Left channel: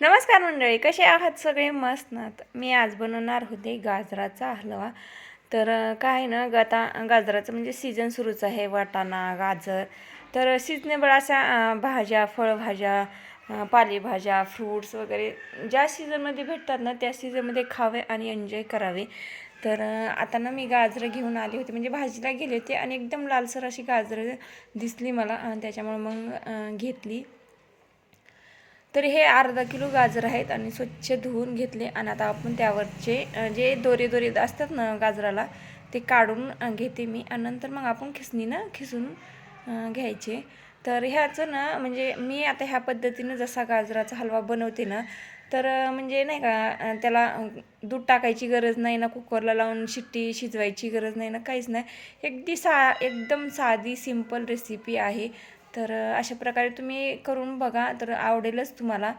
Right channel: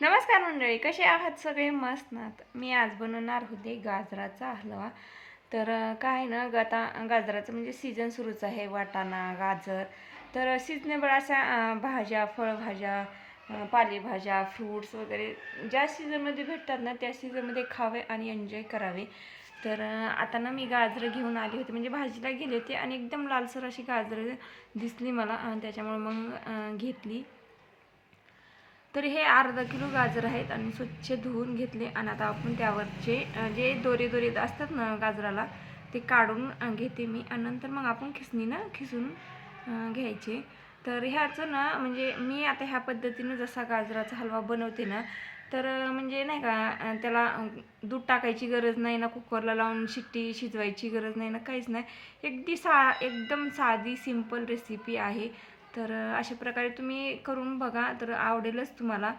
नमस्कार मंडळी, कसे आहात सगळे? मस्त ना. मी आज बनवणार होते गाजराचा हलवा. तर काय ना आता गाजराचं म्हणजे सीझन सुरूच आहे. वाटाणा, गाजर, तर सिजनेबल अशा भाज्या, फळभाज्या, पालेभाज्या, फ्रूट्स वगैरे ज्या सीझनमध्ये भेटतात ना त्या सीझनमध्ये खावे आणि एन्जॉय करावे. तर आता ना मी गाजरं घेऊन आली होती, म्हणजे भाजीला गेले होते आणि एकदम लालसर अशी गाजरं दिसली मला आणि त्याच्यामुळे मग घेतली. तर हे अर्धा किलो गाजर आहेत आणि स्वच्छ धुवून घेतले. आणि आता आपण त्यावरचे जे दोरे दोरे असतात ना गाजराला ते काढून घेते मी. आणि नंतर मग आपण खिसणीनं खिसून घ्यायचे. तर ह्याचं ना म्हणजे मी आता ह्या पद्धतीनं जसा गाजराचा हलवा बनवते ना, तर म्हणजे नाही का त्याला दूध टाकायची गरज नाही ना, कुकरला लावून शिट्टी शिजवायची गरज नाही ना, काहीच नाही. एकदम साधी सिंपल रेसिपी आहे. तर अशा प्रकारे तुम्ही करून बघा, तर आवडेलच तुम्हाला.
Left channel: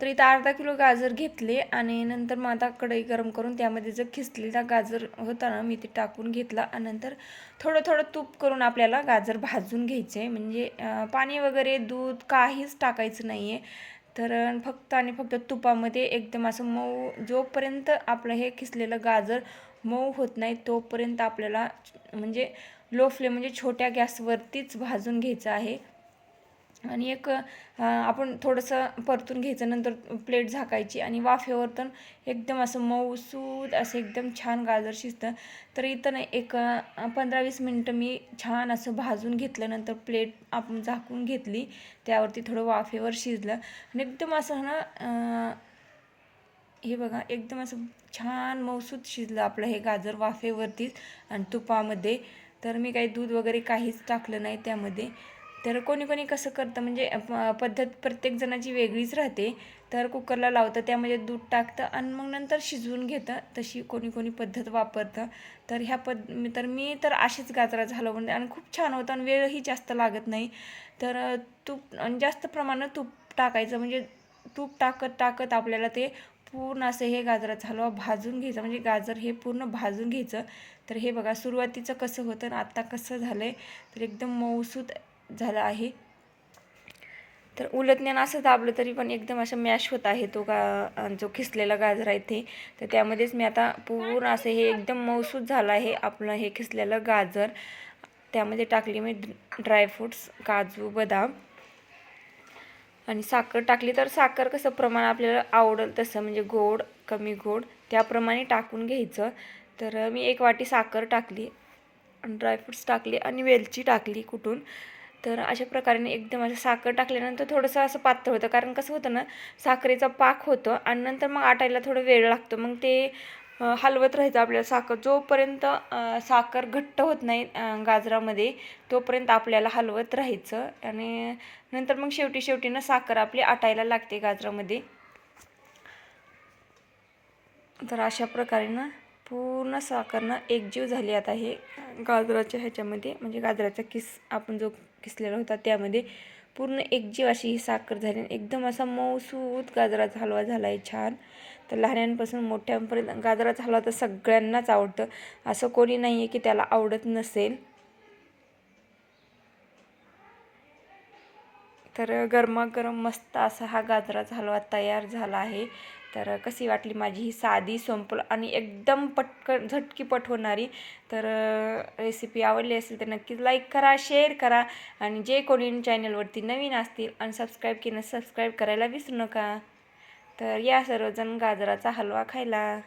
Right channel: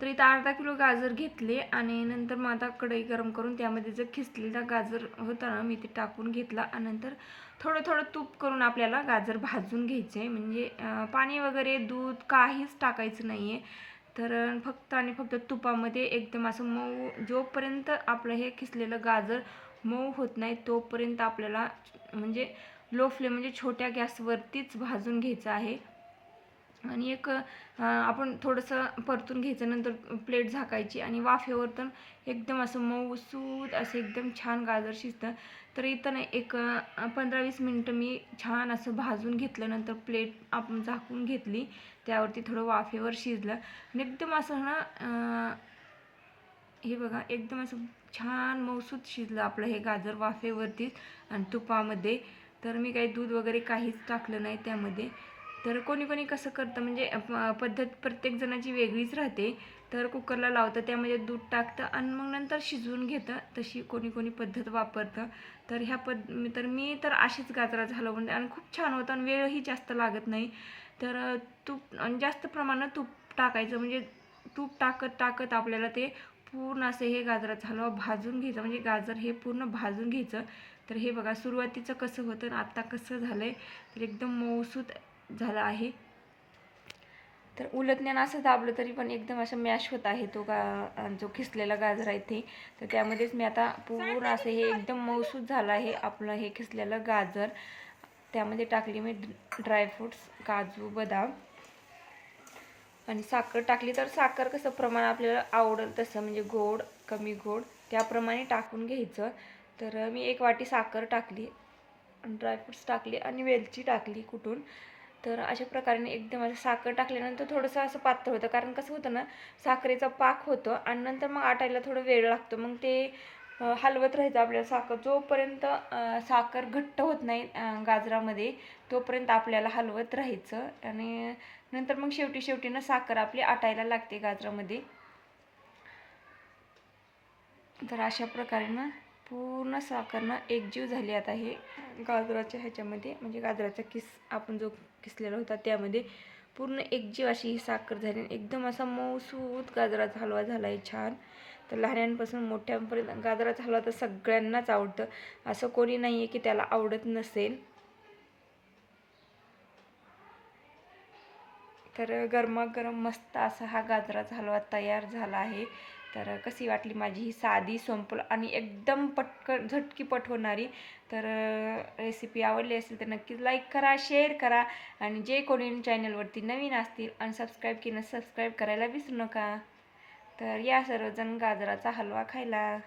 तर इथं अर्धा किलो गाजर घेतले आणि नंतर मग आता कढई गरम करून त्यामध्ये जो खिसलेला गाजर होता ना मी ते टाकून घेतला. आणि नंतर थोडं थोडं तूप करून आपल्याला गाजर भाजून घ्यायचं आहे. म्हणजे पाणी वगैरे दूध काहीच टाकायचं नाही आहे. तर फक्त आणि फक्त तुपामध्ये एकदम असं मऊ, जोपर्यंत आपलं हे खिसलेलं गाजर मऊ होत नाही तोपर्यंत आपल्याला म्हणजे लो फ्लेम म्हणजे छोट्या गॅसवरतीच भाजून घ्यायचं आहे. आणि आपण थोडंसं परतून घ्यायचं. नंतर प्लेट झाकायची आणि वाफेवर तर एकदम असं मऊसूद असं एकदम छान गाजर शिजतं. तर इथं ना 15-20 मिनटं मी छान असं भाजून घेतलं. नंतर प्लेट आपण झाकून घेतली, त्यावरती थोडं वाफेवर शिजलं आणि एकदम असं ना हे बघा एकदम असं छान मऊसूद शिजलं आपलं हे गाजर वाफेवरतीच आणि तुपामध्ये. तर मी काही दूध वगैरे काहीच टाकलं नाही त्यामध्ये. तर कोणी कोणी कसं करतं म्हणजे पद्धत प्रत्येक जणाची वेगळीच राहते. तर कुकरला लावतं, त्यामध्ये दूध टाकतं आणि मग नंतर शिजवून घेतं. तशी कोणी कोणी पद्धत वापरतं. तर मी तर अशीच गाजराचं हलवा बनते आणि खूप छान होतं आणि वेळही जास्त लागत नाही. तर तूप जास्त प्रमाणात तूप टाकायचं, म्हणजे तूप टाकत टाकत आपल्याला ते पूर्ण असं हे गाजराचा हलवा भाजून घ्यायचा, म्हणजे गाजर हे पूर्ण भाजून घ्यायचं. तर हे बघा सुरुवातीचं कसं होतं आणि आत्ता कसं झालं आहे, तर एकदम मऊसूत झालं आहे. तर उलटण्यानं असं दाबलं तरी पण एकदम असं मॅश होत आहे तो जो खिसलेला गाजर आहे ते. तर त्यामध्येच मी आता पूर्ण असं हे एकदम मऊसूत झालं आहे आपलं हे खिसलेलं गाजर. त्यामध्ये टाकली मी ड्रायफ्रूट्स, काजू, बदाम आणि साखर टाकली. तर साखर कसं प्रमाण आपल्याला आवडेल तसं, म्हणजे गोड कमी गोड त्याप्रमाणे टाकून घ्यायचं. तर मी 1 वाटी साखर टाकली, ड्रायफ्रूट्स टाकले आणि वेलची टाकली कुटून. तर अशा प्रकारे एकदम असं साखर टाकल्यानंतर थोडंसं असं पातळ होतं, कारण कसं होतं ना साखरेचा पाक होतं आणि नंतर मग आटायला थोडं वेळ लागतो. मग ते हलवत राहायचं आपल्याला साखर जोपर्यंत साखर घट्ट होत नाही गाजरामध्ये, तोपर्यंत आपल्याला हलवत राहायचं. आणि नंतर मग शेवटी शेवटी ना साखर आपली आटायला लागते गाजरामध्ये. तर अशा प्रकारे ना पूर्ण साखर ना एकजीव झाली आता हे गाजराच्या ह्याच्यामध्ये, म्हणजे गाजराचा आपण जो किसलेला होता त्यामध्ये पूर्ण एकजीव अशी ही साखर झाली. एकदम असा मऊसूत गाजराचा हलवा झाला आहे छान. तर लहानांपासून मोठ्यांपर्यंत गाजराचा हलवा तर सगळ्यांनाच आवडतं, असं कोणी नाही आहे की त्याला आवडत नसेल. तर गरमागरम मस्त असा हा गाजराचा हलवा तयार झाला आहे. तर कशी वाटली माझी ही साधी सिंपल आणि एकदम पटकन झटकीपट होणारी तर रेसिपी आवडली असेल तर नक्कीच लाईक करा, शेअर करा आणि जे कोणी चॅनलवरती नवीन असतील आणि सबस्क्राईब केलं सबस्क्राईब करायला विसरू नका. तर या सर्वजण गाजराचा हलवा खायला.